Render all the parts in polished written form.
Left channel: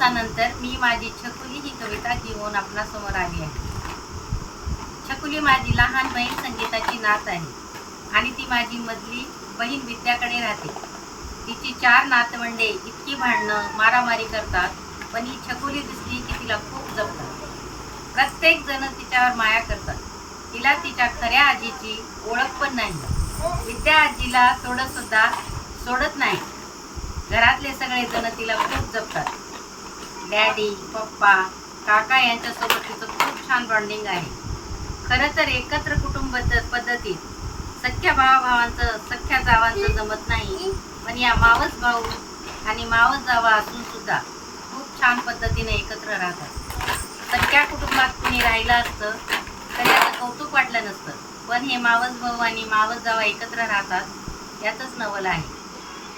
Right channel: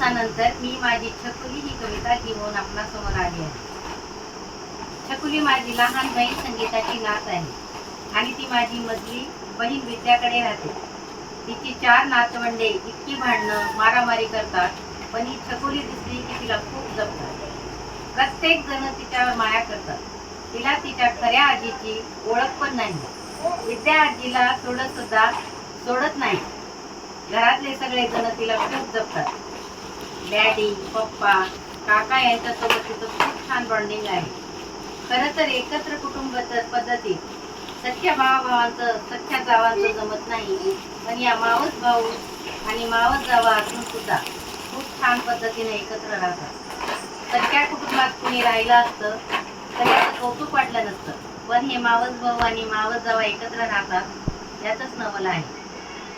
दिवसानंतर मी माझी छकुली ही कविता घेऊन आपणासमोर आली आहे. छकुली माझी लहान बहीण संगीताची नात आहे आणि ती माझी मधली बहीण विद्याकडे राहते. तिची 4 नातवंडे इतकी भांडणं मारामारी करतात, पण ही छकुली दिसली की तिला खूप जपतात. प्रत्येक जण तिच्यावर माया करतात. तिला तिच्या खऱ्या आजीची ओळख पण नाही. विद्या आजीला थोडं सुद्धा सोडत नाही. घरातले सगळे जण तिला खूप जपतात. डॅडी, पप्पा, काका यांच्यासोबत तिचं खूप छान बॉन्डिंग आहे. खरं तर एकत्र कुटुंब पद्धतीत सख्या भावाभावांचं सख्या जावांचं जमत नाही, पण या मावस भाऊ आणि मावस जावा असून सुद्धा खूप छान पद्धतीने एकत्र राहतात. सख्या कुटुंबात कुणी राहिलं असतं तर याचं कौतुक वाटलं नसतं, पण हे मावस भाऊ आणि मावस जावा एकत्र राहतात यातच नवल आहे.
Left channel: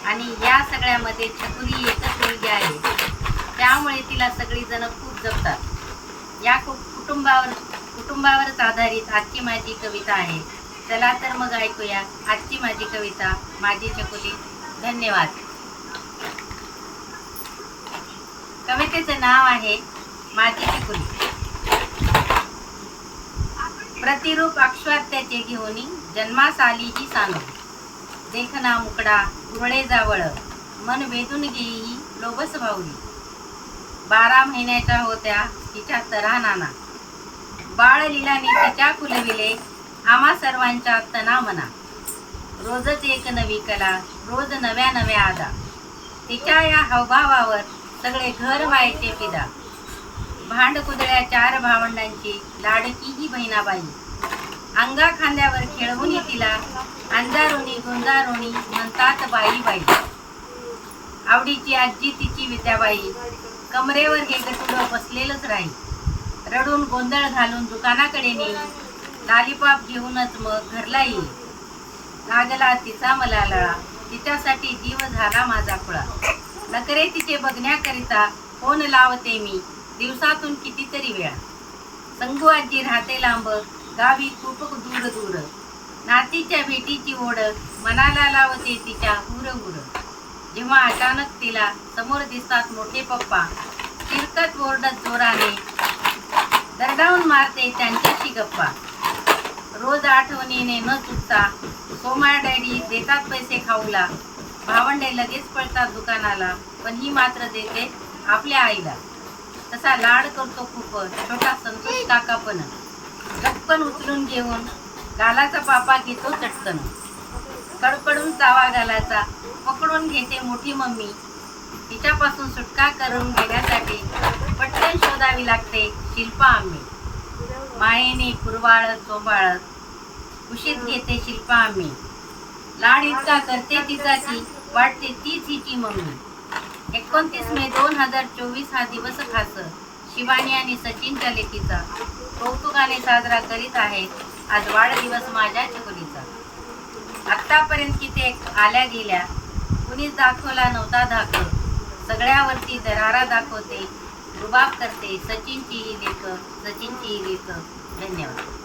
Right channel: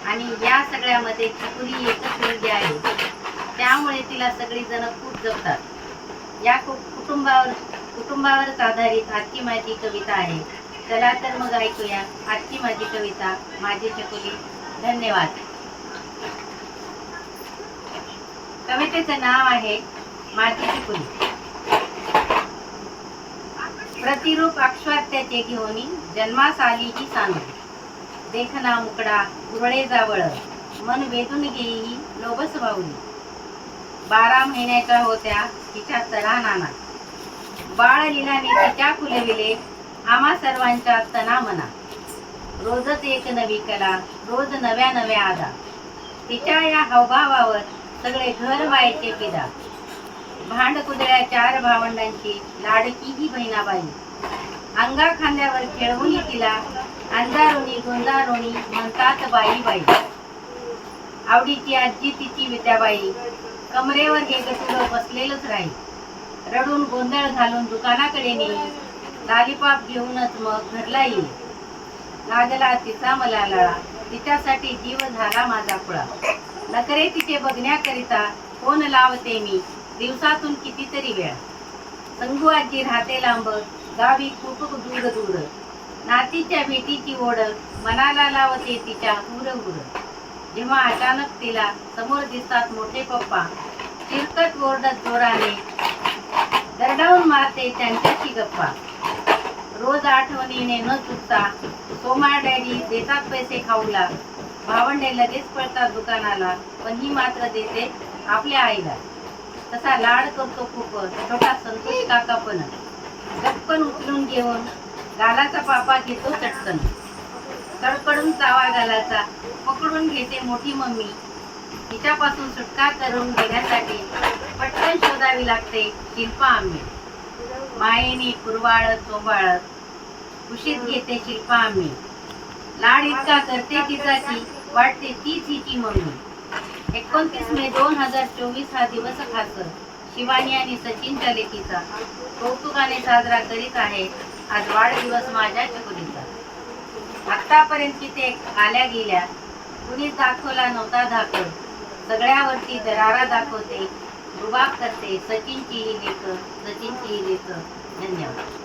आणि या सगळ्यामध्ये छकुली एकच मुलगी आहे, त्यामुळे तिला सगळी जण खूप जपतात. या कुटुंबावरच आधारित आजची माझी कविता आहे. चला तर मग ऐकूया आजची माझी कविता, माझी छकुली. धन्यवाद. कवितेचं नाव आहे माझी छकुली. प्रतिरूप अक्षवात्याचे घेऊनी जन्मास आली ही सांगू. देखना मुकडा उरळे जावळ, मन वेधून घेई लोभस भावली. 12 महिन्याच्या होत्या तिच्या तरा नाना, बाळ लीलाने तिच्या फुलविले आम्हा सर्वांच्या तना मना. रोजच एक नवी कला, रोज नव्या नव्या आदा. तिच्या या हावभावावर सगळे घर व्हायचे पिदा. भांड कुदळ्या 4 भावंडांची लाडकी ही बहिणाबाई. अंगा खांद्यावर खेळवून तिला अंधारोणी गोंजारोणी म्हणतात बाई बाई. आवडीची आजी तिची विद्याबाई, कमरेवर हे गटुडं बसलेलंच राही. रडून गोंधळ घालून दुकानाकडे नेई, लालीपाप घेऊनच मग घरला येई. लागला तिचा मला लळा, तिच्यासाठी जीव झाला माझा खुळा. नकरे तिचे बघण्याकरिता फोन लावते मी दिवसातून कितीतरी वेळा. संगू आजी राहते लांब, गावी खूप दूर दूर. नातीच्या भेटीची ओढ मनाला लावते तिच्या हुरहुर. जेव्हा अचानक तिला समोर दिसतात मोठे पप्पा, चिरकत ओरडत जोराने दरडावून मारते त्यांच्याशी गप्पा. रोज आठवणीने न चुकता सोमा डॅडी देतात पैसे खाऊला. भावंडे लगेच पळतात दुकानाला, पण ही मात्र देते आपल्या आईला. तसा लाड करतो खूप छोटा संतोष काका, पण चटकन उचलून घेऊन गालाचा पापा घेतो चटकन. कडकडून चावा गालाचा पकडून घेते मोठी मम्मी. तिच्यापासून सुटका करून घेण्यासाठी पटकन शोधावी लागते शिल्पा आम्ही. मायेने कुरवाळत चोंबाळत कुशीत घेते शिल्पा आम्ही. लाड इतका करते तिचा की वाटते तीच हिची मम्मी. 29 मे 2024 हा दिवस खास शिवानी आणि सचिनच्या लेकीचा कौतुकाने साजरा करीत आहे आज वाढदिवस माझ्या छकुलीचा. आतापर्यंत किती आल्या गेल्या, कुणीच दाखवला नव्हता धाकड. सगळ्यावरती दरारा दाखवते, रुबाब करते सचिनची ही लेक, सचिनची ही लेक. धन्यवाद.